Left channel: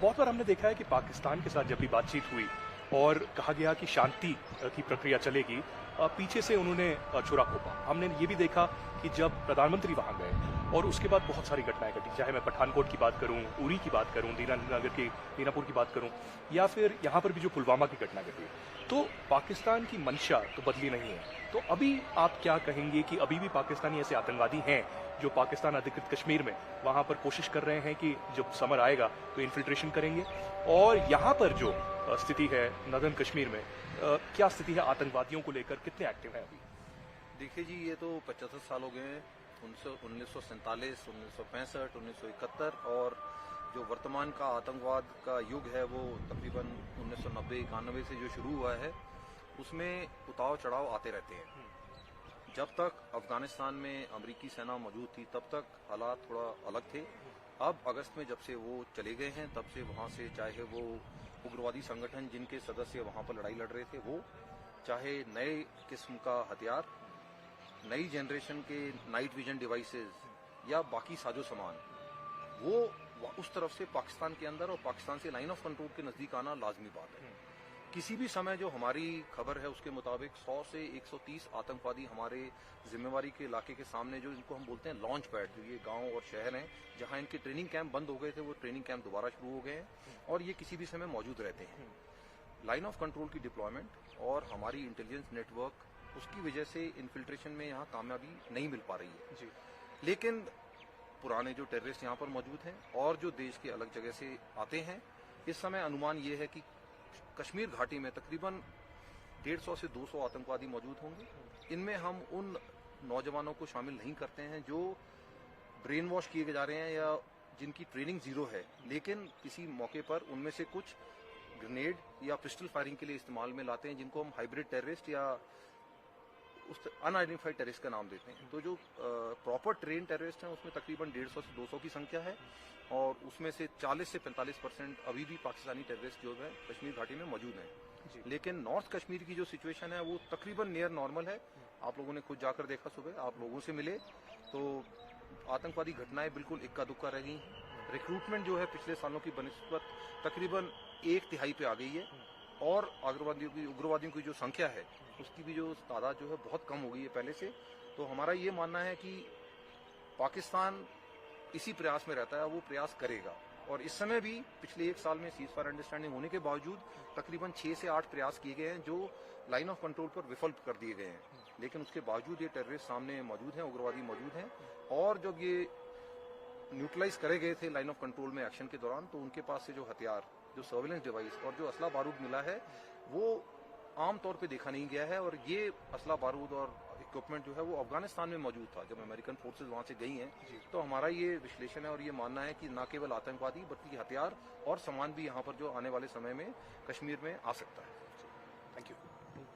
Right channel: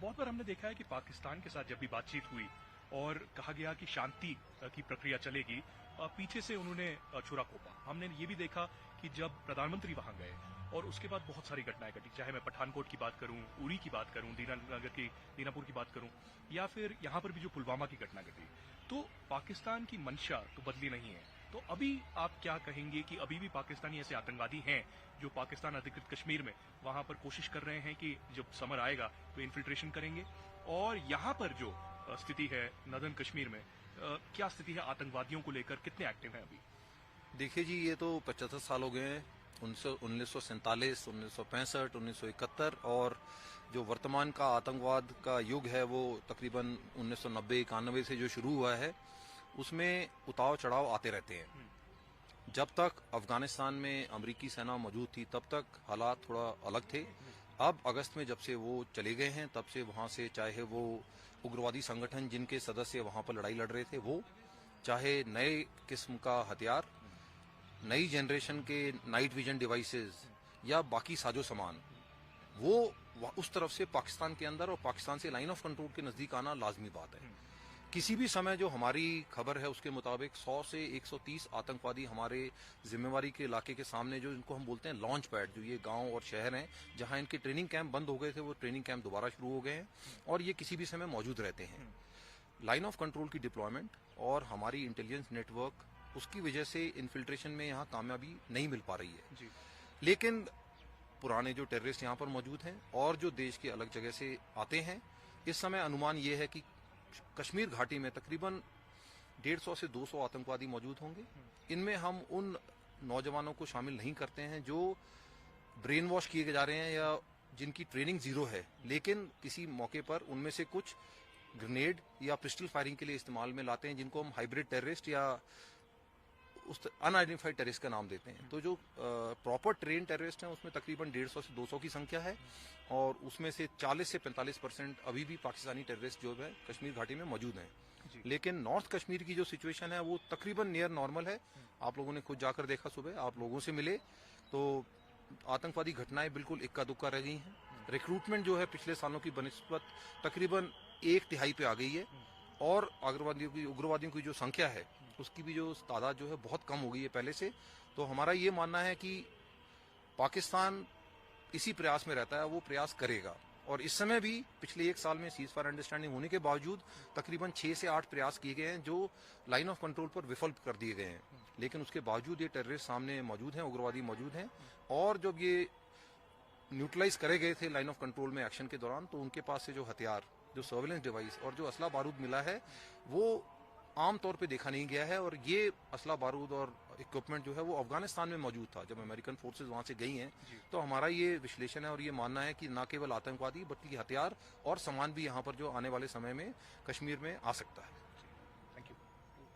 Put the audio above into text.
बहुत बार हमने देखा है कि पाकिस्तान के साथ जब भी बातचीत हुई और कहा गया कि शांति की प्रक्रिया चलेगी, पीछे से उन्होंने छुरा घोंपा। हमने ये भी देखा कि जब प्रधानमंत्री वहां गए और उसके बाद बहुत सारी घटनाएं घटी, चाहे मैं पठानकोट की बात करूं, उरी की बात करूं, दीनापुर की बात करूं, या फिर यहां पर भी जो पुलवामा की घटना घटी, तो पाकिस्तान की मंशा तो बदली नहीं है। तो अभी आप क्या कहेंगे कि अभी भी पाकिस्तानी ऐसे आतंकवादी हैं जो पाकिस्तान अधिकृत कश्मीर में वहां पर कोशिश कर रहे हैं कि जब समर आएगा तो इन्फिल्ट्रेशन करेंगे? और यहां पर जो स्थिति है नदर्न कश्मीर में, क्या स्थिति है आतंकवादियों को लेकर, कितने एक्टिव हैं अभी? देखिए जी, ये तो 75 साल हो गए हैं। 1947, 1965, 1971 और जो वर्तमान का आतंकवाद का युग है वो तकरीबन 1990-91 से जो शुरू हुआ है, उसमें उतार चढ़ाव आते रहते हैं। जब तक अफगानिस्तान में अमेरिकी सेना मौजूद थी तब तक हालात थोड़ा अलग थे। अब अगस्त में जब से वो चले गए हैं तब से वहां से, चाहे वो उग्रवादी संगठन जिनके सदस्य वहां पर लड़ाई लड़ रहे थे वो, चाहे नए किस्म का हथियार, नई जनरेशन के नाइट विजन डिवाइसेस या बाकी साजो सामान, वो उस तरफ से पाकिस्तान के अंदर और पाकिस्तान से लाइन ऑफ कंट्रोल के नजदीक आना लाजमी बात है। किसी भी समय जो हमारी खबर है उसके मुताबिक 100 से 130 आतंकवादी हमारे जिम्मेवारी के इलाके के सामने, जो इनको हम बोलते हैं लॉन्च पैड, जो ये गांव और शहर हैं जहां इनके ट्रेनिंग कैंप बंद हो गए थे, वो ट्रेनिंग कैंप दोबारा शुरू हो गए हैं और ये किसी भी समय मौजूद रहते हैं। लाइन ऑफ कंट्रोल की डिप्लॉयमेंट और हमारी इंटेलिजेंस नेटवर्क, उसकी वजह से इन्फिल्ट्रेशन में यहाँ कामयाबी नहीं मिल पा रही है जी। लेकिन पुराने जो टेररिस्ट यहाँ पर मौजूद हैं और जो देश के अलग जगह से आते हैं, इस समय अनुमान ये है कि कश्मीर घाटी में तकरीबन 150 से 200 आतंकवादी मौजूद होंगे। इनमें हम उन नौजवानों को शामिल नहीं करते हैं जो ब्रेन वॉश किए जा रहे हैं या जिनकी ट्रेनिंग जीरो है, लेकिन किसी मौके पर उनमें से कुछ ग्रेनेड या पिस्टल फायरिंग के लिए इस्तेमाल में लाते हैं, जिनको हम हाइब्रिड टेररिस्ट या उस अनआइडेंटिफाइड टेररिस्ट का नाम देते हैं। तो जो प्रॉपर ट्रेन टेररिस्ट हैं उसमें तकरीबन 150 से 200 की संख्या है और उसमें से 40 से 45% अभी भी पाकिस्तानी टेररिस्ट जो है कश्मीर घाटी में मौजूद हैं। लेकिन नॉर्थ कश्मीर की जो सिचुएशन है वो तकरीबन नियर नॉर्मल है। आप लोगों ने खुद जाकर देखा, सुबह आप लोगों से मिले तो आतंकवादी घटनाएं बिल्कुल इक्का दुक्का रह गई हैं। रिक्रूटमेंट जो है पिछले सालों की बनिस्बत तकरीबन 1/3 पे आ गई है और उग्रवादियों की जो संख्या है उसकी भी जो तादाद जो है बहुत कम हो गई है पहले से। तो हमारा ये मानना है कि पाकिस्तान इसी प्रयास में रहता है, वो प्रयास करेगा। और इस समय भी पिछले 1 साल में सीज फायर अंडरस्टैंडिंग होने के बावजूद तकरीबन 6 से 8 प्रयास किए गए हैं जो लाइन ऑफ कंट्रोल पर विफल कर दिए गए हैं। लेकिन उसके बावजूद ये टेररिस्ट सामने मौजूद हैं, उग्रवादी मौजूद हैं। और जब ये न्यूट्रलाइज करे गए थे लाइन ऑफ कंट्रोल में एक्शन के दौरान, तो उनके पास से जो हथियार, जो सर्विलेंस डिवाइस और जो असला बारूद मिला है वो आमतौर पे देखा नहीं गया है। और ये असला बारूद और इक्विपमेंट जो है वो अफगानिस्तान में मौजूद था जब अमेरिकन फोर्सेज वहां से गई हैं। तो हमारा ये विश्लेषण है और ये मानना है कि न केवल आतंकवादी बल्कि हथियार और सामान भी यहाँ पर जो आने वाले समय में कश्मीर में आ सकता है।